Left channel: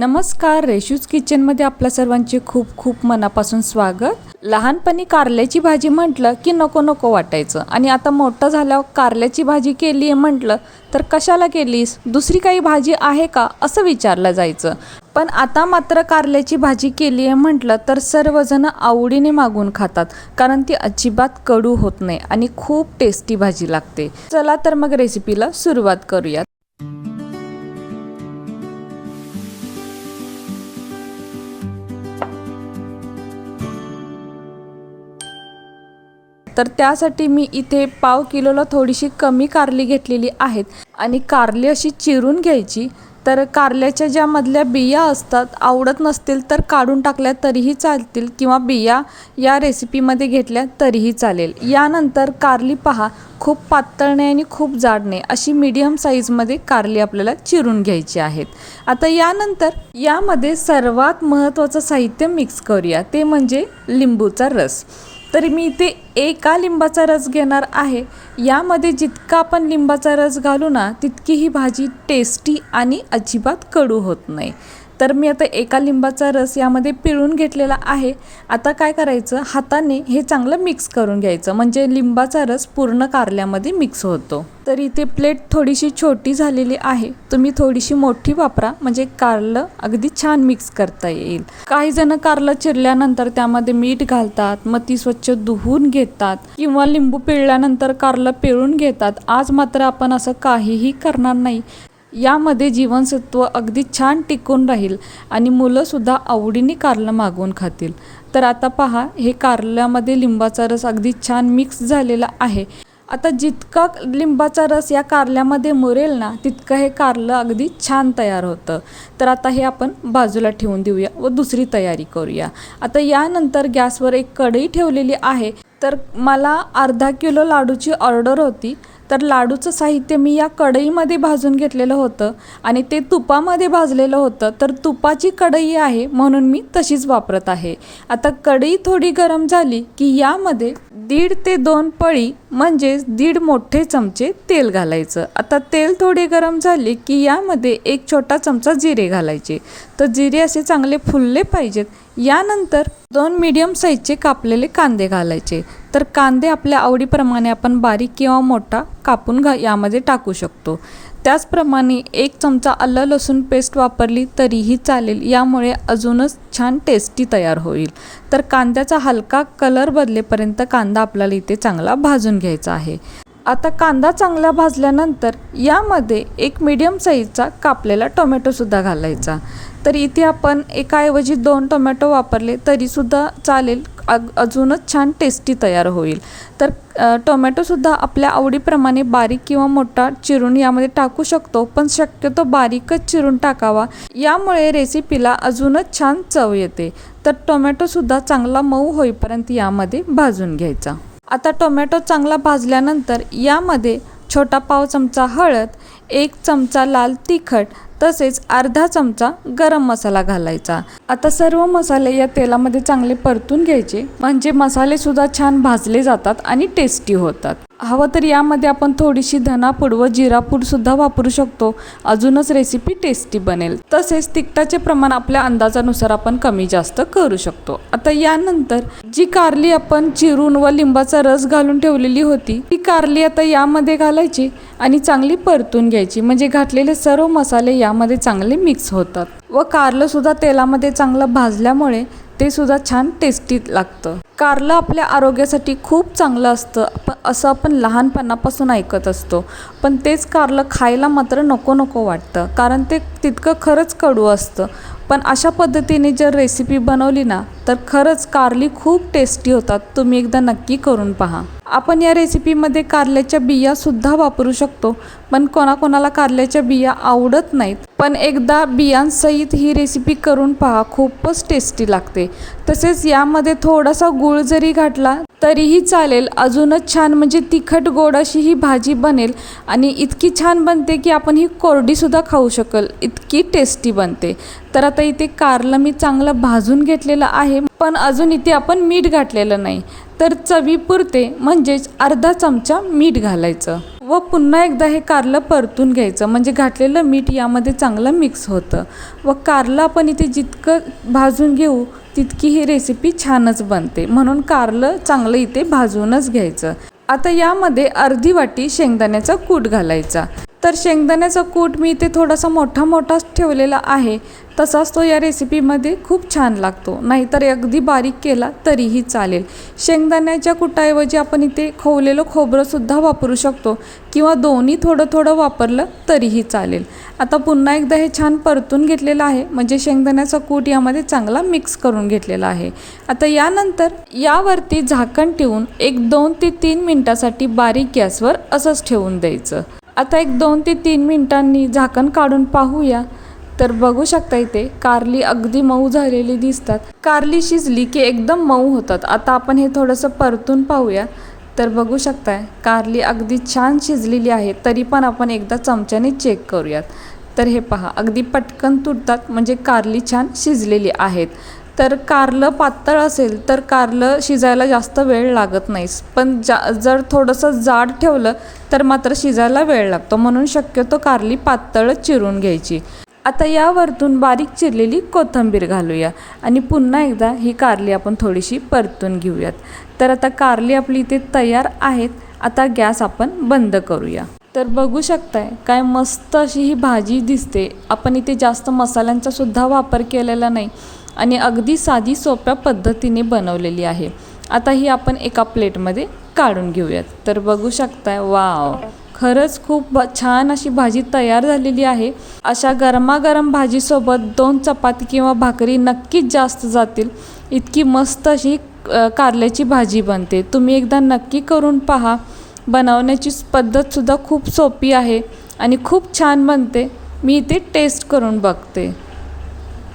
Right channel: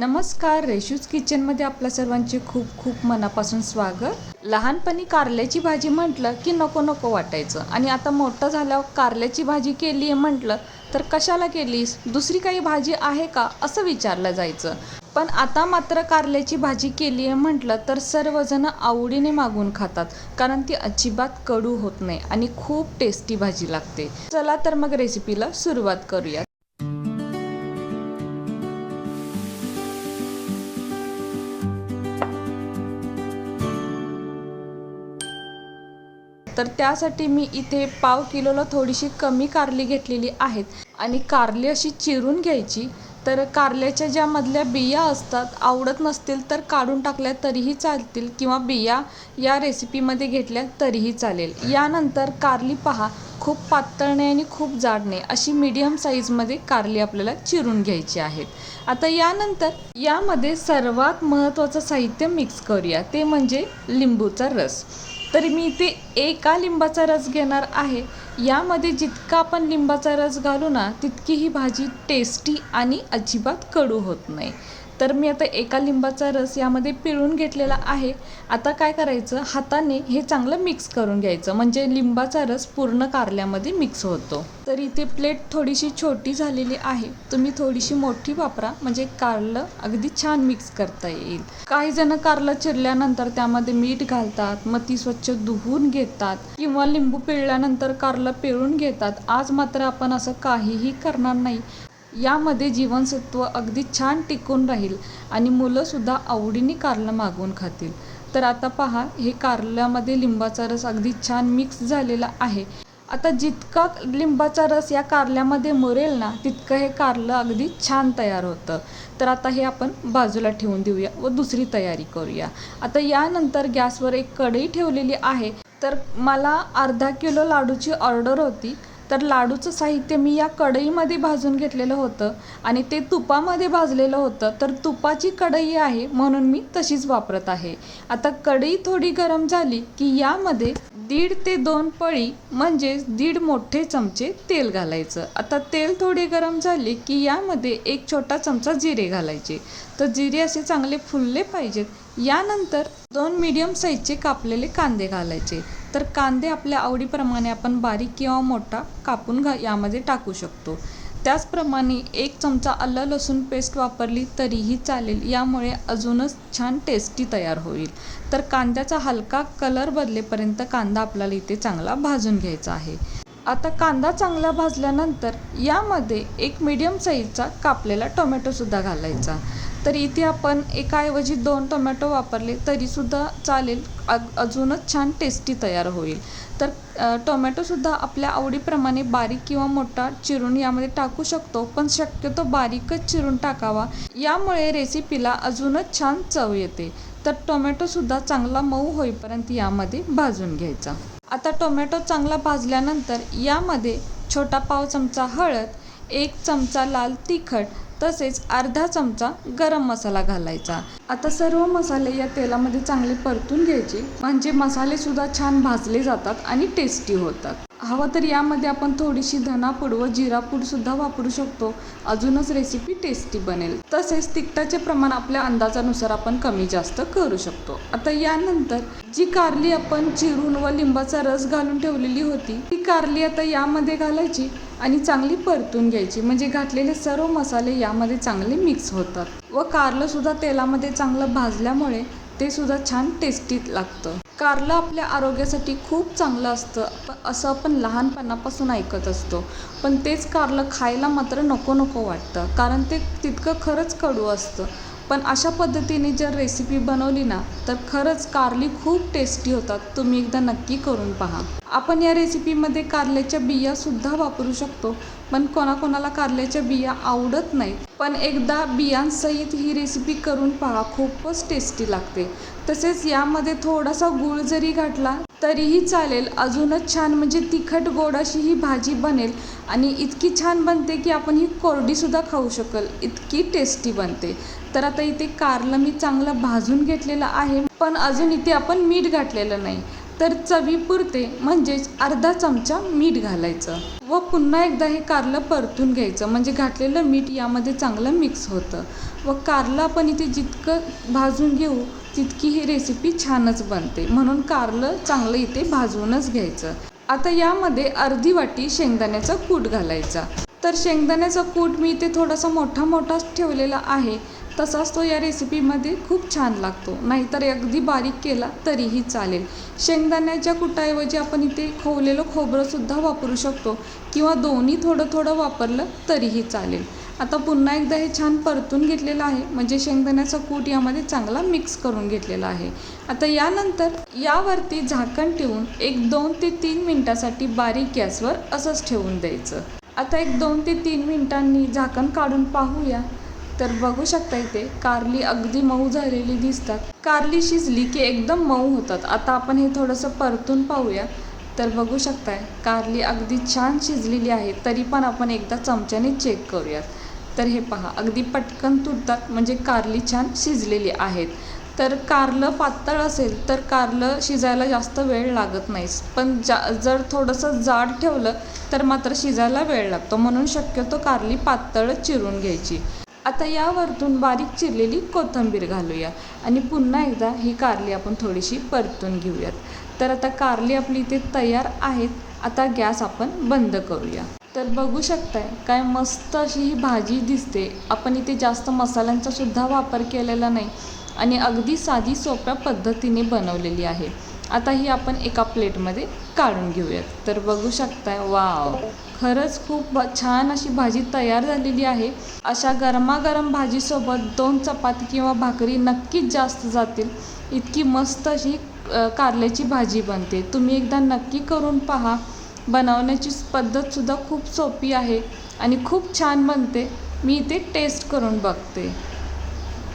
नमस्कार, रेशूज किचनमध्ये आपल्या सर्वांचे खूप खूप मनापासून स्वागत. लहानपणी कारल्याची भाजी म्हटलं की नको नको वाटायचं आणि आता मोठं झाल्यावर कारल्याची भाजी केली आहे म्हटलं तर कशाला केलीस, दुसरी काही भाजी आहे का असं विचारलं जायचं. पण आता मात्र कारल्याची भाजी केली आहे म्हटलं तर सर्वजण आवडीने मागून खातात, कारण ती अजिबात कडू होत नाही आणि खूप टेस्टी भाजी लागते. चला तर मग रेसिपीला सुरुवात करूया. तर त्यासाठी मी इथे पाव किलोला थोडीशी कमी कारली घेतलेली आहेत आणि कारली अशी चिरून घ्यायची. तर कारल्याच्या ज्या मधल्या बिया असतात, आवडत नसतील तर काढून टाकल्या तरीही चालतील किंवा बिया या रेसिपीमध्ये घेतल्या तरीही चालेल. यानंतर कारली पहा, खूप पातळ नाही आणि खूप जाड नाही, अशी मीडियम साईजमध्ये कारली आपल्याला चिरून घ्यायची आहेत. आता यानंतर यामध्ये सर्वात महत्त्वाचं साहित्य मिक्स करूया, ते म्हणजे लिंबूचा रस. तर मी इथे एका लिंबाचा रस घेणार आहे. यामध्ये जितका आपण लिंबाचा रस घालू ना, तितकी ही भाजी टेस्टी आणि अजिबात कडू होत नाही. तर मी आता एका लिंबाचा रस यामध्ये पिळून घेतलेला आहे. आता काय करायचं, हाताने हे चांगलं मिक्स करून घ्यायचं, म्हणजे लिंबाचा रस पूर्ण कारल्यामध्ये मिक्स होतो. तर इथे प्लेट थोडीशी छोटी झालेली आहे, तुम्ही थोडीशी मोठी वापरा, म्हणजे कारलं अगदी छान मिक्स करता येईल. काही जण कारलं चिरल्यानंतर त्यामध्ये मीठ घालतात, मग ती स्वच्छ धुवून घेतात किंवा लिंबू पिळल्यानंतर कारलं पिळून घेतात. आज मात्र आपण असं काहीही करणार नाही. यामध्ये जीवनसत्व अगदी छान टिकून राहील आणि मुलंसुद्धा आवडीने कारलं मागवून खातील. तर आता पहा, हे कारल्यामध्ये लिंबाचा रस अगदी छान मिक्स झालेला आहे. आता जितका लिंबाचा रस या कारल्यामध्ये मुरेल ना, तितकं हे कारलं अगदी छान तयार होतं. तर आता हे आपण बाजूला ठेवून देऊया व दुसरी तयारी करूया. आता यानंतर गॅसवर एक कढई ठेवलेली आहे. तर मला अर्धा किलो लाडूची ऑर्डर होती. तर लाडूचं साहित्य मी या कढईमध्ये भाजून घेतलेलं होतं आणि ते तुपामध्ये भाजलेलं होतं. तर तुपाची कढई आहे म्हणून मी तशीच वापरत आहे. आता कढई थोडी गरम झाली की यामध्ये 1.5 ते 2 पळी म्हणजेच 1.5 मोठे चमचे तेल घालायचं. आता तेल थोडी गरम झाली की यामध्ये 1 छोटा चमचा जिरे घालायचे. तर जिरे असे चांगले फुलले पाहिजेत. यानंतर 2 मीडियम साईजचे कापलेले कांदे घालायचे. तर कांदे आपल्या आवडीप्रमाणे आपण बारीक किंवा मोठा कापून यामध्ये टाकू शकतो. त्याचप्रमाणे 1 चमचा आलं लसूण पेस्ट वापरली तरीही चालेल, यामुळे अजूनच छान टेस्टी तयार होईल. तर कांद्याचा हलका कलर बदलेपर्यंत कांदा आपल्याला इथे चांगला भाजून घ्यायचा आहे. आता कांदा चांगला भाजल्यानंतर यामध्ये 1 मीडियम साईजचा कापलेला टोमॅटोसुद्धा घालायचा. तर इथे आपण एकाऐवजी 2 टोमॅटो वापरले तरीसुद्धा चालेल, अजूनच छान टेस्टी तयार होईल. तर टोमॅटोसुद्धा आपल्या आवडीप्रमाणे बारीक किंवा मोठा चिरून यामध्ये टाकू शकतो, पण शक्यतो बारीकच चिरून टाकावा, यामुळे रेसिपीला अजूनच छान चव येते. तर टोमॅटोसुद्धा चांगला मऊ होईपर्यंत यामध्ये भाजून घ्यायचा. आता टोमॅटो चांगला भाजल्यानंतर यामध्ये छोटा पाव चमचा हळद, 1 चमचा लाल तिखट तसेच अर्धा चमचा गरम मसाला घालायचा. आता सर्व मसाले या तेलामध्ये चांगले परतून घ्यायचे, म्हणजे मसालेसुद्धा छान भाजले जातात आणि टेस्टी होतात. हवं तर यामध्ये आपण थोडीशी धनापूड व जिरापूडसुद्धा वापरू शकतो, अजूनच रेसिपी टेस्टी बनेल. तसेच तिखटाचे प्रमाण आपल्या अंदाजानुसार आपण कमी जास्त करू शकतो. आता यानंतर जी कारली आपण चिरून व लिंबाचा रस घालून ठेवलेली होती, ती कारली आता यामध्ये घालायची आणि चांगली परतून घ्यायची, म्हणजे घातलेले सर्व मसाले यामध्ये चांगले मिक्स होतात व कारलंसुद्धा तेलामध्ये चांगलं भाजल्यामुळे ते सुद्धा छान टेस्टी लागतं. कारलं आपल्या आरोग्यासाठी खूप चांगलं असतं, असं आपण लहानपणापासून ऐकत असतो. पण तेच कारलं खायला मात्र नको नको वाटतं, कारण ते तितकं खरंच कडू असतं. पण अशा पद्धतीने जर रेसिपी बनवली ना, तर खरंच कारली खूप टेस्टी होतात. तुम्ही एकदा नक्की करून पहा. आपण या रेसिपीमध्ये कारल्याच्या बियासुद्धा वापरू शकतो, पण कोणाकोणाला कारल्याच्या बिया आवडत नाहीत. पण एकदा बियांसहित ही रेसिपी करून पहा, खूपच टेस्टी लागते. तसेच यामध्ये थोडासा गूळ जरी घातला तरीही चालेल, अजूनच छान, म्हणजे तिखट गोड अशी ही भाजी बनेल आणि इतकी छान बनते की आपण ही कोरडीसुद्धा खाऊ शकाल, इतकी टेस्टी बनते. तर आता इथे कारलं मी चांगलं भाजून घेतलेलं आहे, पण अजून इथे आपण मीठ घातलेलं नाही. तर चवीपुरते म्हणजेच अर्धा चमचा मीठ घालायचं व पुन्हा एकदा हे कारलं परतून घ्यायचं, म्हणजे घातलेलं मीठ यामध्ये चांगलं मिक्स होतं. व कारलं आपण इथे जितकं भाजून घेऊ तितकी ही रेसिपी छानच बनते, म्हणून कारलं चांगलं इथे भाजूनच घ्यायचं. आता यामध्ये अर्धी वाटी शेंगदाण्याचा कूट घालायचा. तर शेंगदाण्याचा कूट मी इथे थोडासा मोठाच ठेवलेला आहे, तसाच तो या रेसिपीमध्ये खूप छान लागतो, नाहीतर अगदी बारीक केला तरीही चालेल. शेंगदाण्याच्या कुटाऐवजी आपण इथे खोवलेलं खोबरंसुद्धा वापरू शकतो किंवा दोन्ही थोडं वापरलं तरीही चालेल. आता पुन्हा एकदा हे छान परतून घेतलेलं आहे, म्हणजे शेंगदाण्याचा कूट यामध्ये चांगला मिक्स करून घेतलेला आहे. आता यानंतर यावरती झाकण ठेवून एक 2 ते 3 मिनटासाठी बारीक गॅसवर असंच ठेवून द्यायचं. आता एक 2 ते 3 मिनटांनी झाकण काढून पाहूया. तर बघू शकता इथे कारली अगदी मऊ झालेली दिसतात. कारली शिजली की एकदम मऊ होतात. आता आपण हे थोडंसं परतून पाहूया. तर बघू शकताय कारली अगदी छान शिजलेली आहे, तरी पण आपण एकदा चमच्याने चेक करूयात. तर हे पहा अगदी पटकन तुटतात, म्हणजे कारली छान शिजलेली आहेत. तर कारलं पातळ असेल तर कारलं शिजायला जास्त वेळ लागत नाही, पण जर थोडंसं जाड ठेवलं तर मात्र शिजायला वेळ लागतो, म्हणून शक्यतो कारली पातळच चिरून घ्यायची. आता यावरतून बारीक चिरलेली कोथिंबीर घालूया आणि पुन्हा एकदा ही कारली आपण थोडीशी परतून घेऊयात. तर आता कारली आपली इथे तयार आहेत. आता गॅस आपण बंद करूया. तर बघू शकताय काय मस्त अशी ही भाजी दिसते. आपण इथे जास्त मसाल्यांचा सुद्धा वापर केलेला नाही आणि अगदी साधी सोप्या पद्धतीने बनवलेली आहे. आता ही आपण एका प्लेटमध्ये काढून घेऊयात. तर बघू शकताय वाव, खरंच खूप छान अशी भाजी तयार झालेली आहे. अशा गरमागरम भाजीसोबत 2 चपाती किंवा भाकरी नक्कीच जास्त जातील. इतकी मस्त अशी कारल्याची भाजी बनते. तुम्ही एकदा नक्की करून पहा. बनवण्याची पद्धतसुद्धा खूप सोपी आहे आणि खूप छान बनते. मी इथे टेस्ट करून बघते.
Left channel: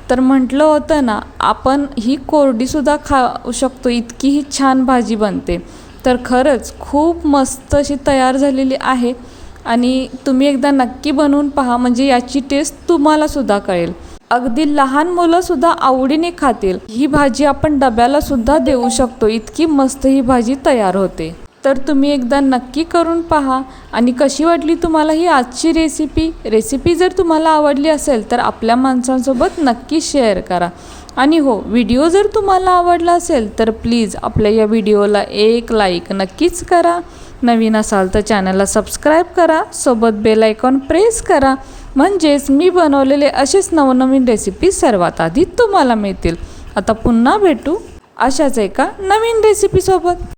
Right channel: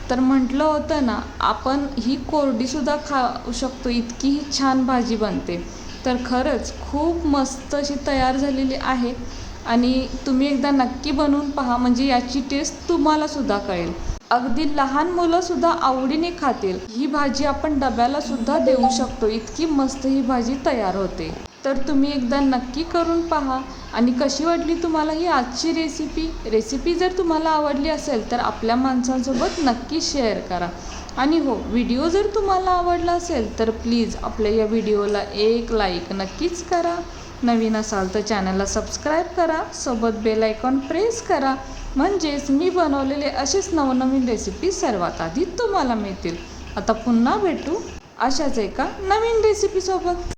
तर म्हटलं होतं ना, आपण ही कोरडीसुद्धा खाऊ शकतो, इतकी ही छान भाजी बनते. तर खरंच खूप मस्त अशी तयार झालेली आहे आणि तुम्ही एकदा नक्की बनवून पहा, म्हणजे याची टेस्ट तुम्हालासुद्धा कळेल. अगदी लहान मुलंसुद्धा आवडीने खातील. ही भाजी आपण डब्यालासुद्धा देऊ शकतो, इतकी मस्त ही भाजी तयार होते. तर तुम्ही एकदा नक्की करून पहा. आणि कशी वाटली तुम्हाला ही आजची रेसिपी जर तुम्हाला आवडली असेल तर आपल्या माणसांसोबत नक्की शेअर करा. आणि हो, व्हिडिओ जर तुम्हाला आवडला असेल तर प्लीज आपल्या या व्हिडिओला एक लाईक नक्कीच करा. नवीन असाल तर चॅनलला सबस्क्राईब करा, सोबत बेल आयकॉन प्रेस करा, म्हणजेच मी बनवलेले असेच नवनवीन रेसिपी सर्वात आधी तुम्हाला मिळतील. आता पुन्हा भेटू अशाच एका नवीन रेसिपीसोबत.